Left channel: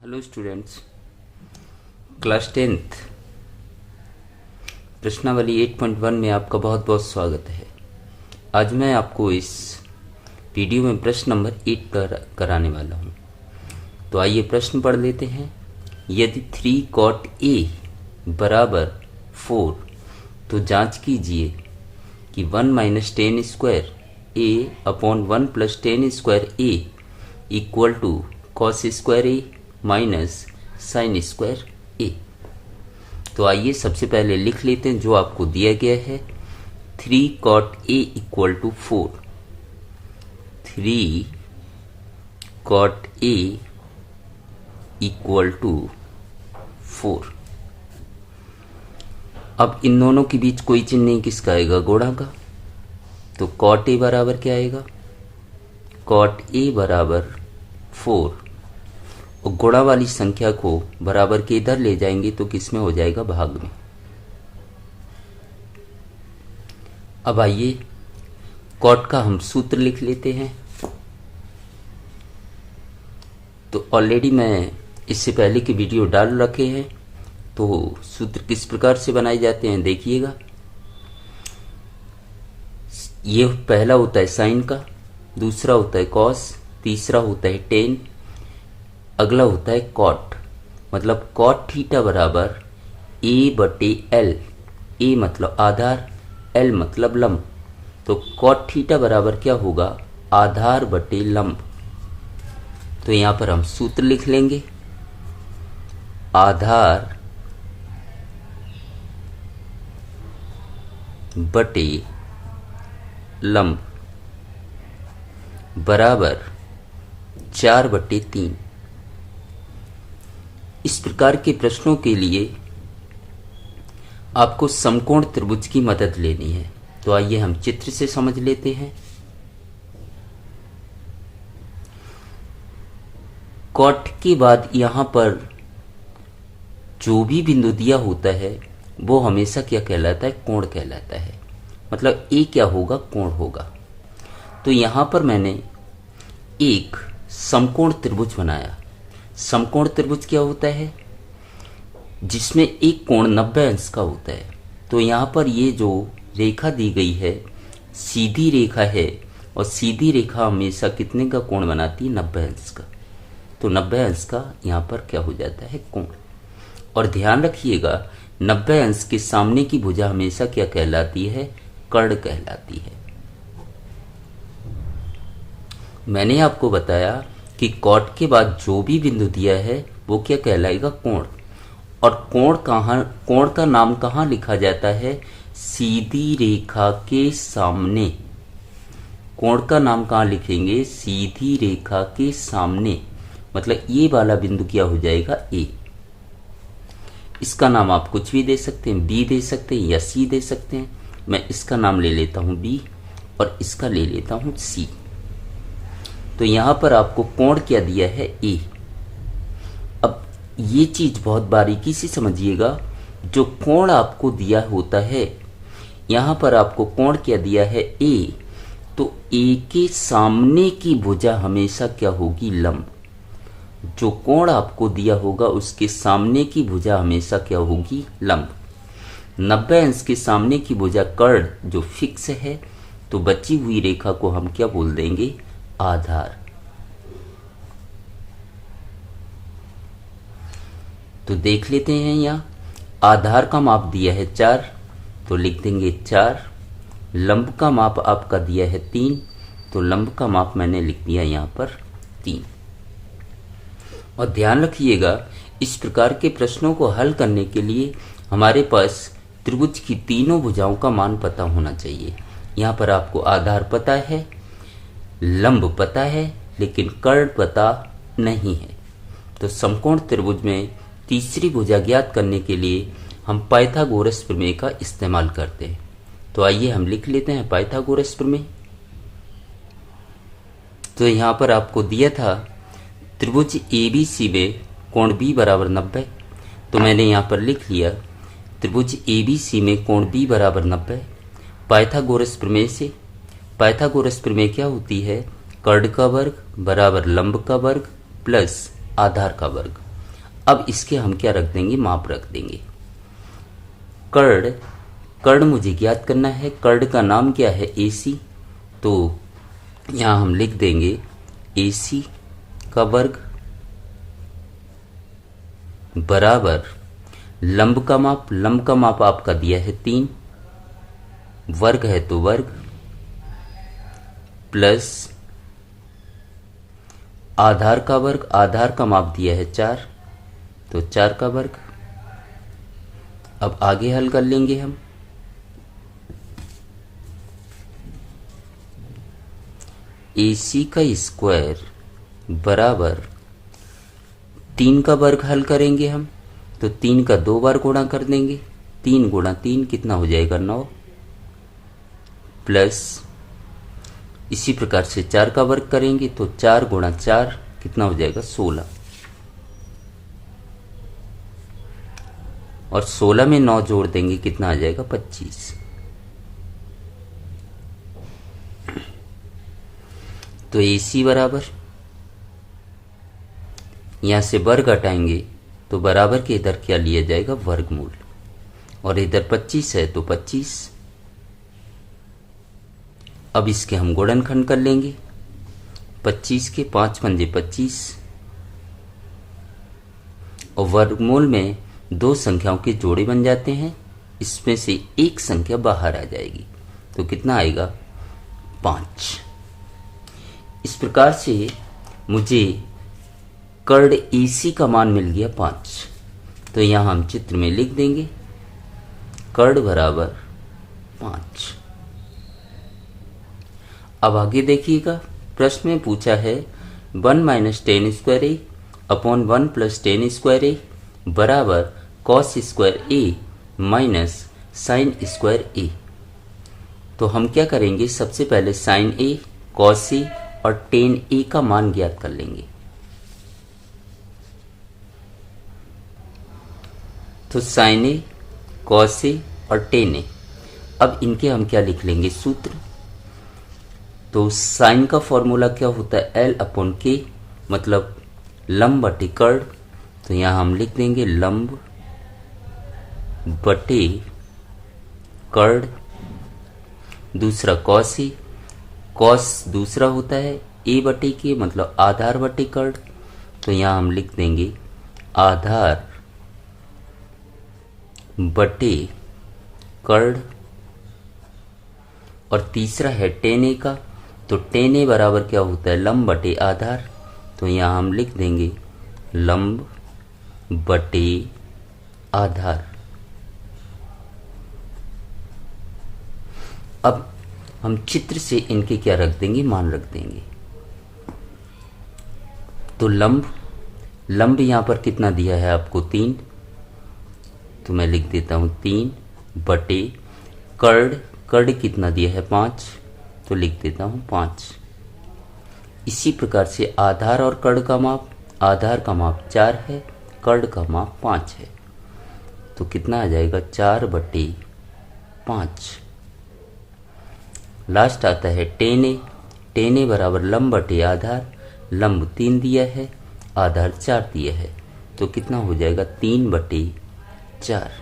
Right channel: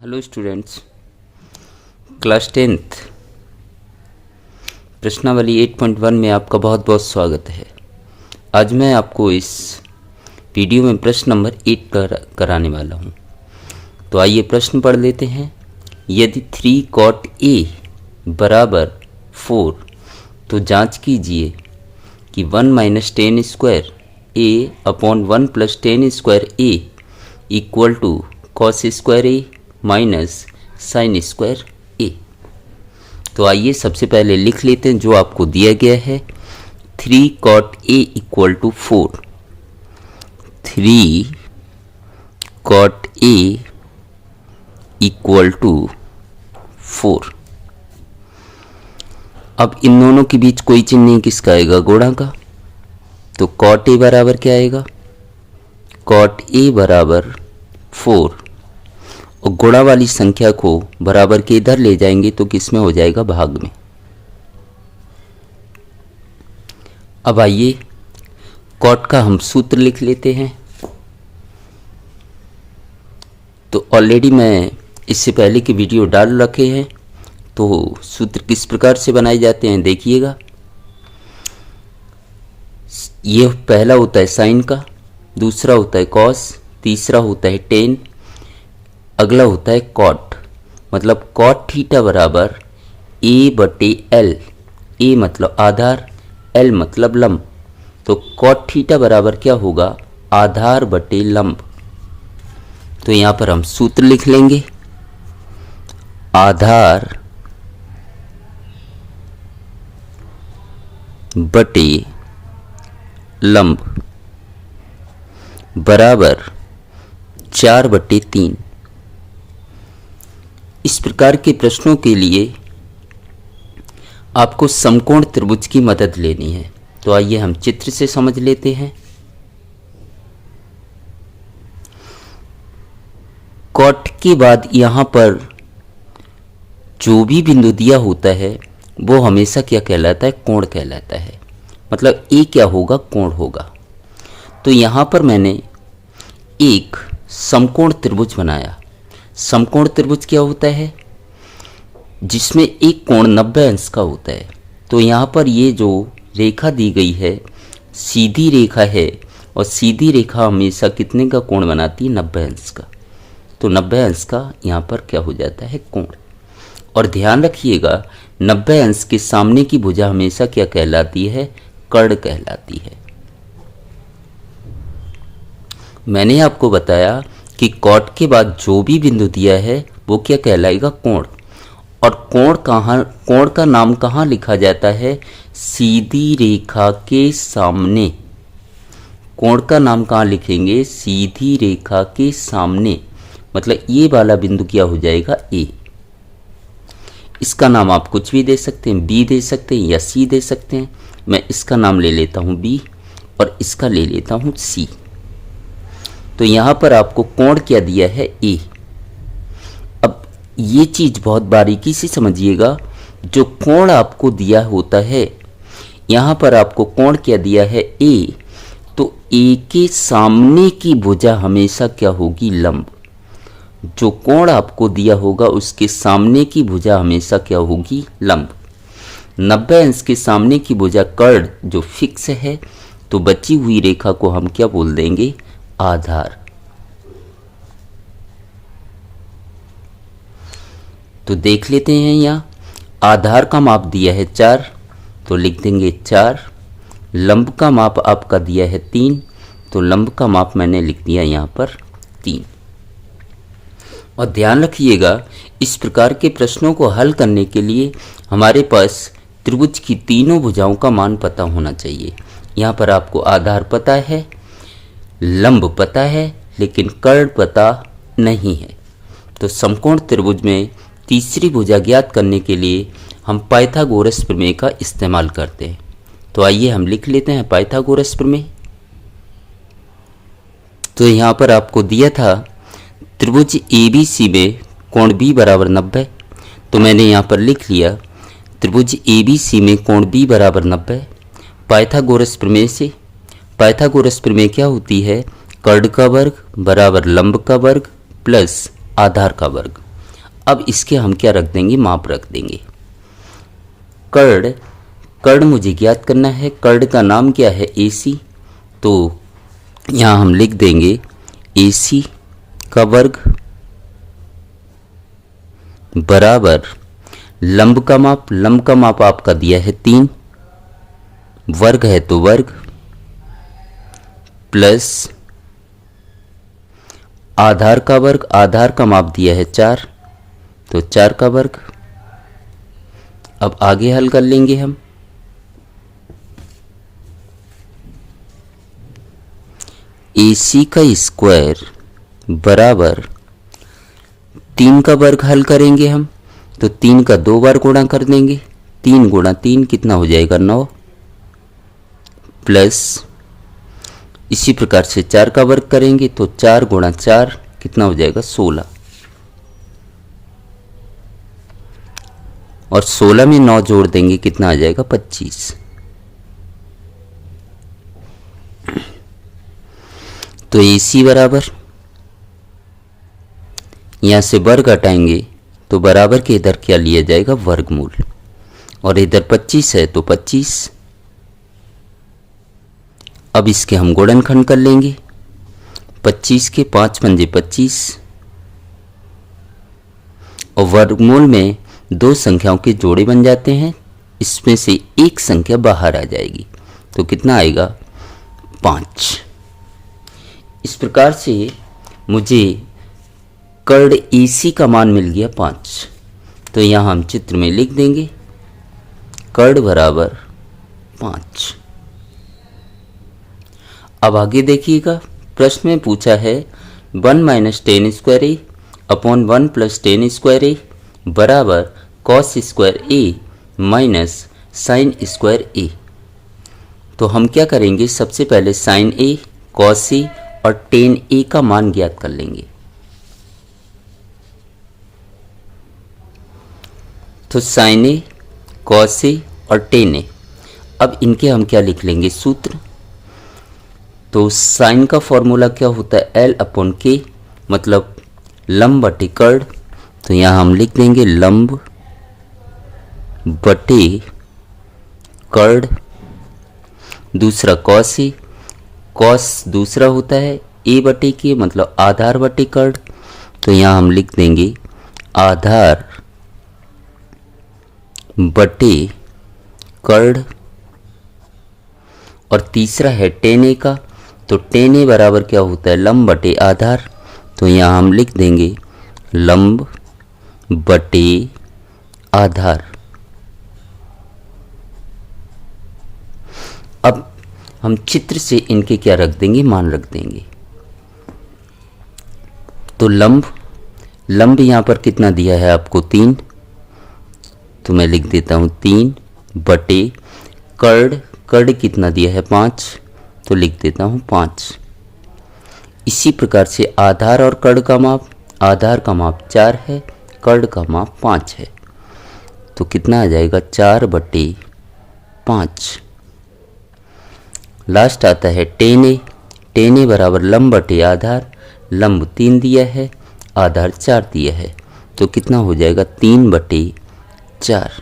Hello students, class 10th प्रश्नावली 8.1 में आपका बहुत बहुत स्वागत है। आज मैं आपको इस वीडियो में प्रश्न नंबर 8 कराने वाला हूं। तो आइए प्रश्न पढ़ लेते हैं। यदि 3 cot a बराबर 4 तो जांच कीजिए कि 1 minus ten square a upon 1 plus ten square a equal to cos square a minus sine square a. तो आइए सबसे पहले लिख लेते हैं जो आपको दिया गया है। 3 cot a equal to 4। 3 cot a equal to 4। अब इन दोनों के बीच कोई चिन्ह नहीं, किसका आएगा? गुणा का। तो cot a बराबर क्या आएगा? cot a बराबर 4 और गुणा वाली संख्या को बराबर के इधर ले जाएंगे तो किस में हो जाएगा? भाग में। अब आइए कॉट का हम सूत्र लिख लेते हैं। तो ऑलरेडी मैं इससे पहले की वीडियो डाल रखे हैं, तो सूत्र किस प्रकार से बनाए जाते हैं देखिएगा। ये पहला होता है साइन का, दूसरा होता है कॉस, तीसरा होता है टेन, अगला होता है कॉट। मतलब कॉट थीटा बराबर ए बटे एल। ए मतलब आधार, एल मतलब लंब। तो कॉट थीटा बराबर क्या होगा? आधार बटे लंब। तो यहां पर हम सूत्र लिख लेंगे। आधार बटे लंब बराबर 4/3। इस प्रकार के प्रश्नों के लिए आपको समकोण त्रिभुज की मदद लेनी है। तो आइए हम चित्र से समझ लेते हैं। कॉट के बाद यहां पर जो भी बिंदु दिया होता है वो हमेशा क्या कहलाता है? कोण कहलाता है। मतलब ए क्या होगा? कोण होगा। तो यहां पर मैंने एक समकोण त्रिभुज बनाया। समकोण त्रिभुज क्या होता है? जिसमें एक कोण 90 अंश का होता है। तो यहाँ पर ये जो रेखा दी गई है सीधी रेखा है, और सीधी रेखा हमेशा कितने का कोण बनाती है? 90 अंश का। तो 90 अंश का यहाँ पर क्या हो जाता है? कोण। और ध्यान रखिएगा 90 अंश के सामने की भुजा हमेशा क्या कहलाती है? कर्ण कहलाती है। मैंने आपको बताया कि कॉट के बाद जो भी बिंदु दिया है वो क्या कहलाएगा? कोण। और कोण का नाम कहाँ लिखा जाता है? सीधी रेखा के सामने। कोण का नाम कहाँ लिखेंगे? सीधी रेखा के सामने। मतलब ये वाला बिंदु क्या हो जाएगा? ए। इसका नाम आप कुछ भी दे सकते हैं, बी दे सकते हैं या सी दे सकते हैं। मैं इसका नाम ले लेता हूँ बी और इसका ले लेता हूँ सी। तो यहां पर आपको कोण क्या दिया है? ए। अब ये चीज बहुत बारीकी से समझिएगा। जो कोण आपको दिया होता है, यहां पर आपको कोण क्या दिया है? ए। तो ए के सामने की भुजा हमेशा क्या होगी? लंब। जो कोण आपको दिया होगा उसके सामने की भुजा हमेशा क्या होगी? लंब। 90 अंश के सामने की भुजा कर्ण जो फिक्स है, तो बची हुई रेखा को हम क्या बोल देंगे? आधार। तो देख लेते हैं, यहाँ आधार का माप दिया है 4, तो लिख देंगे 4। लंब का माप आपका दिया है 3, तो लंब का माप मैंने लिख दिया यहाँ पर 3। और ध्यान रखिएगा इस प्रकार के प्रश्नों को हल करने के लिए हमारे पास त्रिभुज की तीनों भुजाओं का मान पता होना चाहिए। यहाँ पर आपको आधार पता है, लंब पता है, लेकिन कर्ण पता नहीं है। तो समकोण त्रिभुज में तीसरी भुजा ज्ञात करने के लिए हम पाइथागोरस प्रमेय का इस्तेमाल करते हैं। तो आइए हम लिख लेते हैं पाइथागोरस प्रमेय। तो यहाँ पर आपको दिया था त्रिभुज ABC में कोण B बराबर 90। तो मैंने यहाँ पर लिख लिया त्रिभुज ABC में कोण B बराबर 90 पाइथागोरस प्रमेय से। पाइथागोरस प्रमेय क्या होती है? कर्ण का वर्ग बराबर लंब का वर्ग प्लस आधार का वर्ग। अब इसके हम क्या रख देंगे, माप रख देंगे। कर्ण, कर्ण मुझे ज्ञात करना है, कर्ण का नाम क्या है, AC। तो यहाँ हम लिख देंगे AC का वर्ग बराबर लंब का माप, लंब का माप आपका दिया है 3, वर्ग है तो वर्ग, प्लस आधार का वर्ग, आधार का माप दिया है 4, तो 4 का वर्ग। अब आगे हल कर लेंगे हम। AC का स्क्वायर बराबर 3 का वर्ग हल करेंगे हम, तो 3 का 2 बार गुणा कर देंगे, 3 गुणा 3 कितना हो जाएगा 9, प्लस इसी प्रकार से 4 का वर्ग करेंगे तो 4 गुणा 4 कितना हो जाएगा 16, और 16 में 9 जोड़ देंगे कितना आ जाएगा 25। तो AC बराबर, यहां से वर्ग हटाएंगे तो बराबर के इधर क्या लिया जाएगा, वर्गमूल, और इधर 25 है तो 25। अब इसके हम गुणनखंड कर लेंगे, 25 के 5 पंजे 25, और वर्गमूल में दो संख्याओं के जोड़े बन जाते हैं, इसमें से एक संख्या बाहर आ जाएगी, तो कितना आएगा 5। इस प्रकार से मुझे कर्ण AC का मान मिल गया 5। तो यहाँ हम चित्र में लिख देंगे कर्ण बराबर 5। अब आगे देखिएगा, प्रश्न में पूछा है 1 minus ten square a upon 1 plus ten square ए बराबर cos square a minus sine square a. तो हम क्या करेंगे, सबसे पहले साइन ए, कॉस ए और टेन ए का मान ज्ञात कर लेंगे। तो साइन ए, कॉस ए और टेन ए, अब इनके हम क्या लिख लेंगे सूत्र। तो साइन का फॉर्मूला क्या होता है, L अपॉन के, मतलब लंब बटे कर्ण। तो यहाँ हम लिख देंगे लंब बटे कर्ण। दूसरा कॉस ए, कॉस दूसरा होता है ए बटे के, मतलब आधार बटे कर्ण। तो यहाँ हम लिख देंगे आधार बटे कर्ण। और तीसरा है टेन ए का, तो टेन ए बराबर क्या होता है, लंब बटे आधार। तो यहाँ हम लिख देंगे लंब बटे आधार। अब हम चित्र से इनके क्या रख देंगे, मान रख देंगे। तो लंब यहाँ पर कितना दिया है आपको 3, तो मैं लिख देता हूँ 3 बटे कर्ण कितना दिया है 5, तो लिख देता हूँ 5। इसी प्रकार से आधार और कर्ण का माप, आधार का माप 4 है, कर्ण का माप 5 है, तो कितना आ जाएगा 4 बटे 5। लास्ट आता है टेन ए बराबर लंब बटे आधार। लंब 3 दिया है, आधार 4 दिया है, तो कितना हो जाएगा 3 बटे 4।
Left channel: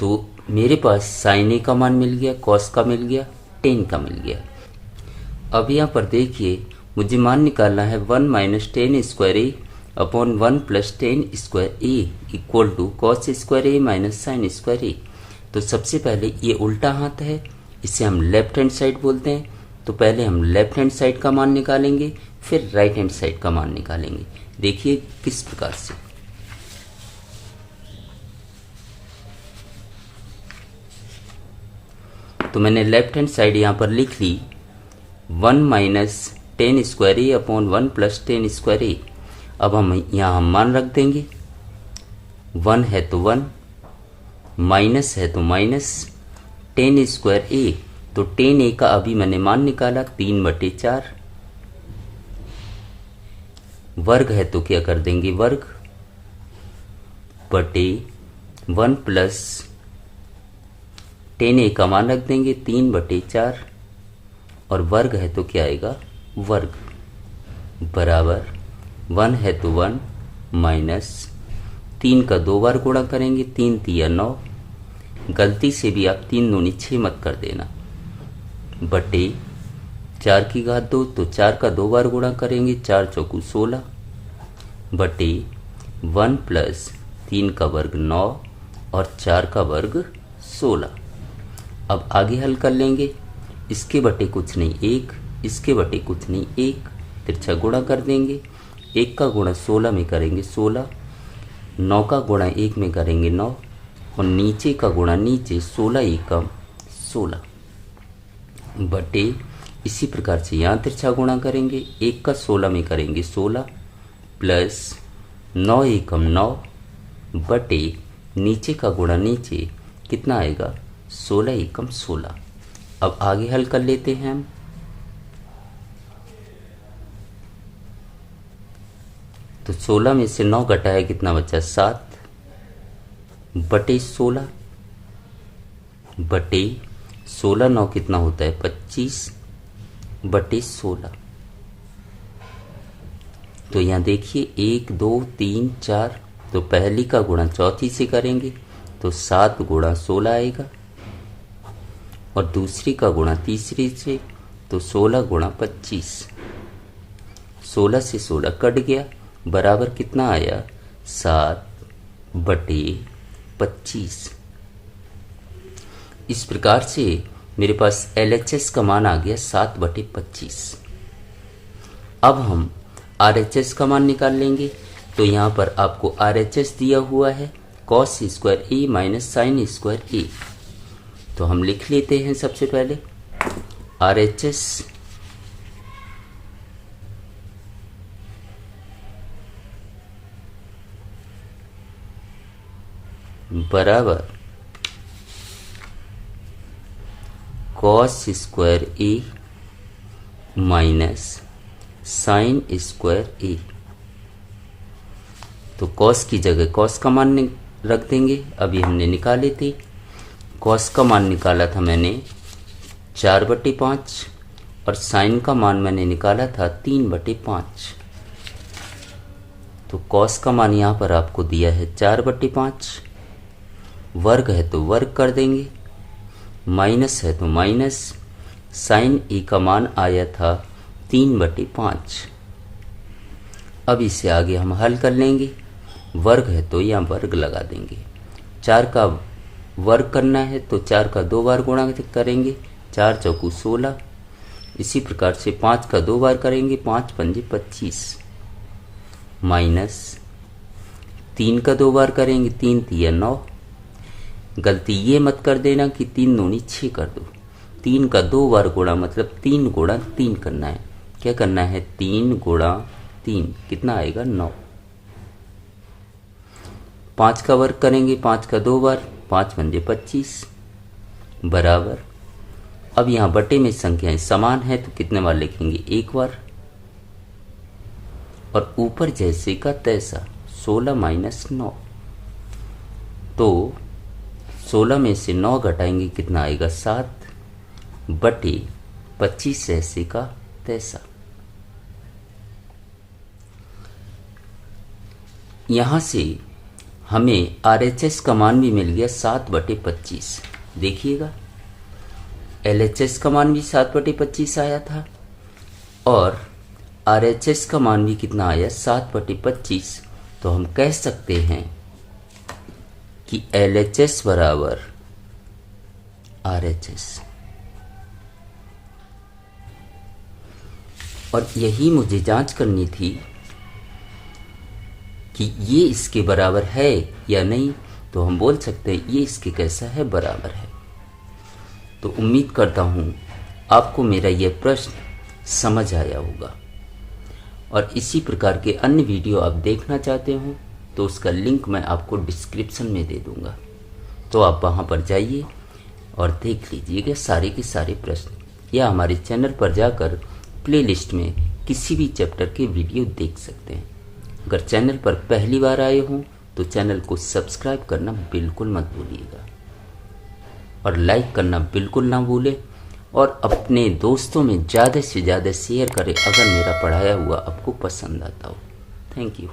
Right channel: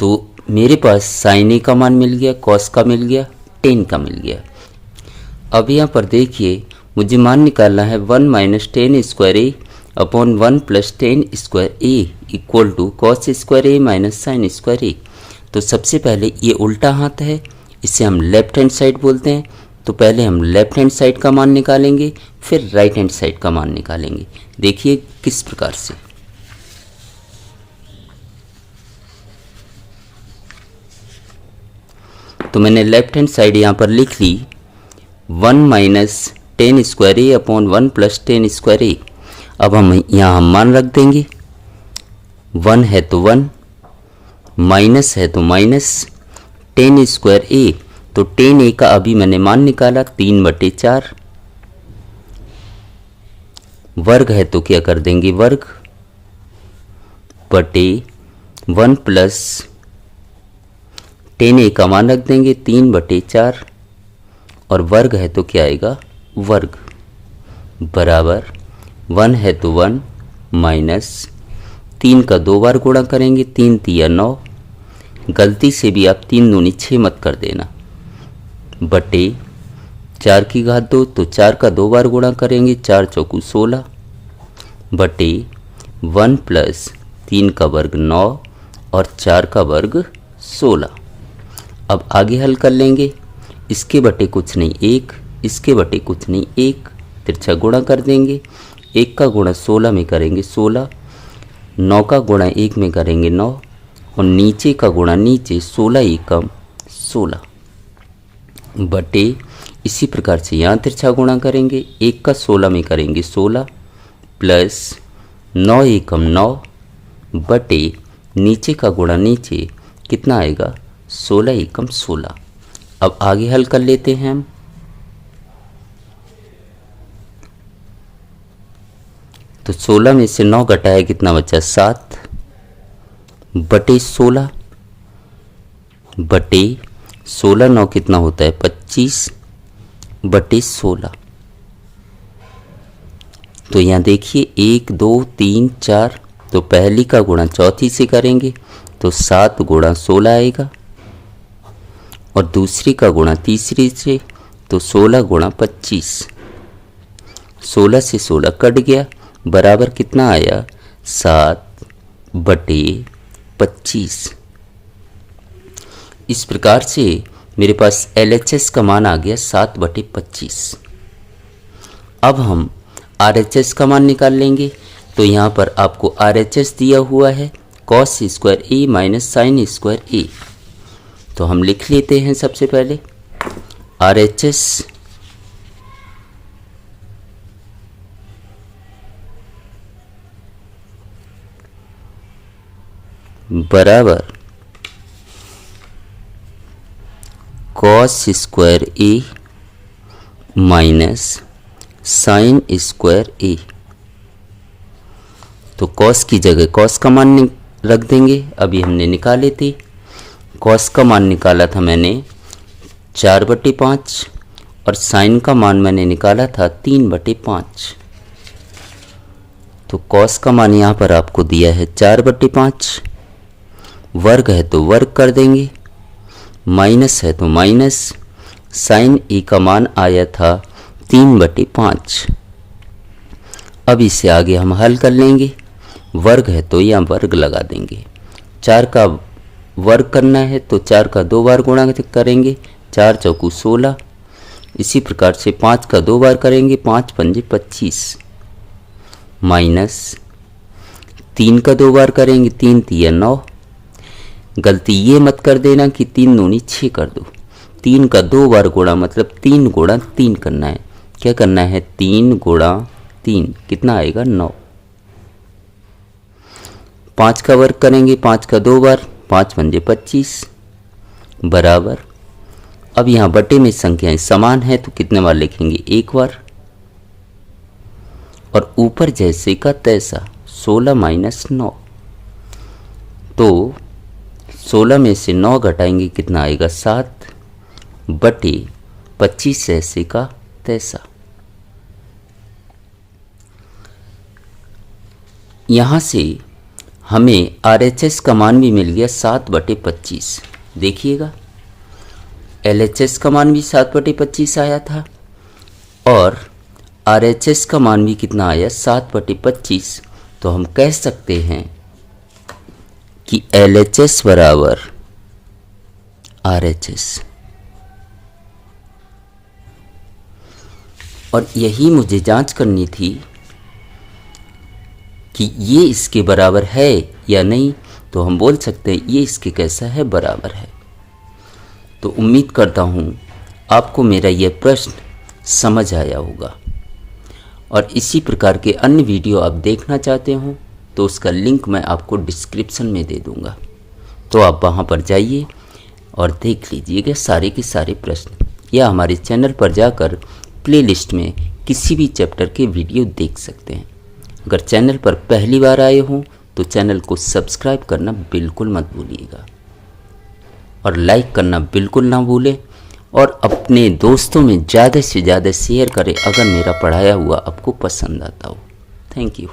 तो मेरे पास साइन ए का मान मिल गया, कॉस का मिल गया, टेन का मिल गया। अब यहाँ पर देखिए मुझे मान निकालना है 1 minus ten square a upon 1 plus ten square a equal to cos square a minus sine square a. तो सबसे पहले ये उल्टा हाथ है, इसे हम लेफ्ट हैंड साइड बोलते हैं। तो पहले हम लेफ्ट हैंड साइड का मान निकालेंगे, फिर राइट हैंड साइड का मान निकालेंगे। देखिए किस प्रकार से। तो मैंने लेफ्ट हैंड साइड यहाँ पर लिख ली 1 minus ten square a upon 1 plus ten square ए। अब हम यहाँ हम मान रख देंगे, 1 है तो 1, माइनस है तो माइनस, टेन स्क्वायर ए, तो टेन ए का अभी मैंने मान निकाला 3 बटे 4, वर्ग है तो क्या कर देंगे वर्ग बटे 1 प्लस टेन ए का मान रख देंगे 3 बटे 4, और वर्ग है तो क्या आएगा वर्ग बराबर 1 है तो 1 माइनस 3 का 2 बार गुणा करेंगे, 3 तिया 9, गलती से भी आप 3 दूनी 6 मत कर देना, बटे 4 की घात 2, तो 4 का 2 बार गुणा करेंगे, 4 चौकू 16, बटे 1 प्लस 3 का वर्ग 9 और 4 का वर्ग 16। अब आगे हल कर लेंगे, इसके बटे कुछ नहीं 1, इसके बटे कुछ नहीं 1, तिरछा गुणा कर देंगे, 1 का गुणा 16 में करेंगे 16, 9 का गुणा 1 में करेंगे 9 और नीचे का गुणा नीचे 16 एकम 16, बटे इसी प्रकार से यहाँ तिरछा गुणा करेंगे, 1 का 16 में करेंगे 16 प्लस 9 एकम 9 बटे नीचे का गुणा नीचे कितना आएगा 16 एकम 16। अब आगे हल कर लेते हैं हम। तो 16 में से 9 घटाया कितना बचा 7 बटे 16, बटे 16 9 कितना होता है 25 बटे 16। तो यहाँ देखिए 1 2 3 4, तो पहली का गुणा चौथी से करेंगे तो 7 गुणा 16 आएगा और दूसरी का गुणा तीसरी से तो 16 गुणा 25, 16 से 16 कट गया, बराबर कितना आया 7 बटे 25। इस प्रकार से मेरे पास LHS का मान आ गया 7 बटे 25। अब हम RHS का मान निकाल लेंगे। तो यहाँ पर आपको RHS दिया हुआ है cos square a minus sine square a. तो हम लिख लेते हैं सबसे पहले RHS बराबर cos square a minus sine square a. तो cos की जगह cos का मान रख देंगे, अभी हमने निकाले थे। cos का मान निकाला था मैंने 4 बटे 5 और साइन का मान मैंने निकाला था 3 बटे 5। तो cos का मान यहाँ पर आपको दिया है 4 बटे 5, वर्ग है तो वर्ग कर देंगे, माइनस है तो माइनस, साइन ए का मान आया था 3 बटे 5। अब इसे आगे हम हल कर लेंगे, वर्ग है तो यहाँ वर्ग लगा देंगे, 4 का वर्ग करना है तो 4 का 2 बार गुणा करेंगे, 4 चौकू 16, इसी प्रकार से 5 का 2 बार करेंगे, 5 पंजे 25, माइनस 3 का 2 बार करेंगे, 3 तिया 9, गलती ये मत कर देना कि 3 दूनी 6 कर दो, 3 का 2 बार गुणा मतलब 3 गुणा 3 करना है। क्या करना है 3 गुणा 3 कितना आएगा 9। 5 का वर्ग करेंगे, 5 का 2 बार, 5 पंजे 25 बराबर। अब यहाँ बटे में संख्याएं समान है तो कितने बार लिखेंगे 1 बार, और ऊपर जैसे का तैसा 16 माइनस 9। तो 16 में से 9 घटाएंगे कितना आएगा 7 बटे 25 ऐसे का तैसा। यहाँ से हमें RHS का मान भी मिल गया 7 बटे 25। देखिएगा LHS का मान भी 7 बटे 25 आया था और RHS का मान भी कितना आया 7 बटे 25। तो हम कह सकते हैं कि LHS बराबर RHS, और यही मुझे जांच करनी थी कि ये इसके बराबर है या नहीं। तो हम बोल सकते हैं ये इसके कैसा है बराबर है। तो उम्मीद करता हूँ आपको मेरा यह प्रश्न समझ आया होगा, और इसी प्रकार के अन्य वीडियो आप देखना चाहते हो तो उसका लिंक मैं आपको डिस्क्रिप्शन में दे दूँगा, तो आप वहाँ पर जाइए और देख लीजिएगा सारे के सारे प्रश्न, या हमारे चैनल पर जाकर प्लेलिस्ट में किसी भी चैप्टर के वीडियो देख सकते हैं। अगर चैनल पर पहली बार आए हों तो चैनल को सब्सक्राइब करना बिल्कुल मत भूलिएगा और लाइक करना बिल्कुल ना भूलें, और अपने दोस्तों में ज़्यादा से ज़्यादा शेयर करें अगर मेरा पढ़ाया हुआ आपको पसंद आता हो। Thank you.